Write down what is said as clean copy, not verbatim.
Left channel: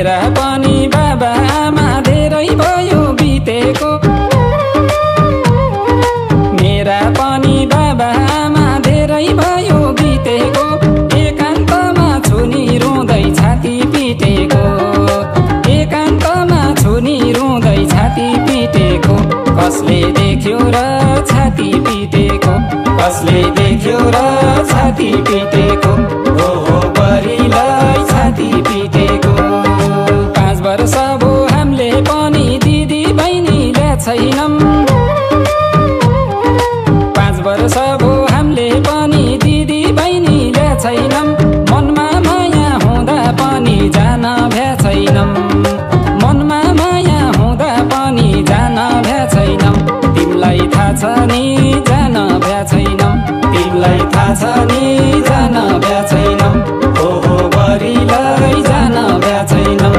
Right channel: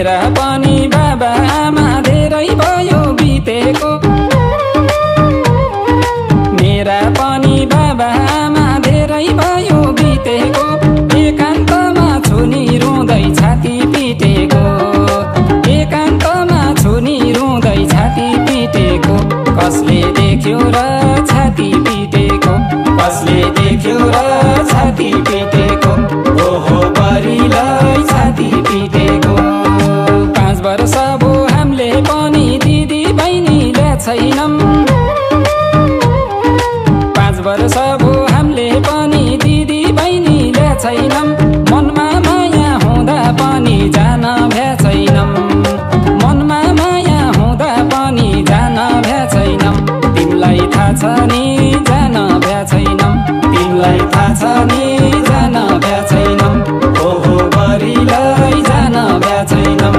मेरा पनि बाबा आमा धेरै भयो बितेको मेरा पनि बाबा आमा धेरै भयो बितेको एकान्तमा छुनी रुँदै छाती पिटेको एकान्तमा छुनी रुँदै छाती पिटेको कसले देख्यो र छाती पिटेको कसले देख्यो र छाती पिटेको हो बरिलाई छाती पिटेको 5 वर्ष भो हामीले पनि दिदी बहिनीले छैनौं 5 वर्ष भो हामीले पनि दिदी बहिनीले छैनौं मनमा माया हुँदा पनि जान भ्या छैनौं मनमा माया हुँदा पनि जान भ्या छैनौं तिमीलाई थाहा छ नि जान भ्या छैनौं तिमीलाई थाहा छ नि जान भ्या छैनौं हो बरिलाई जान भ्या छैनौं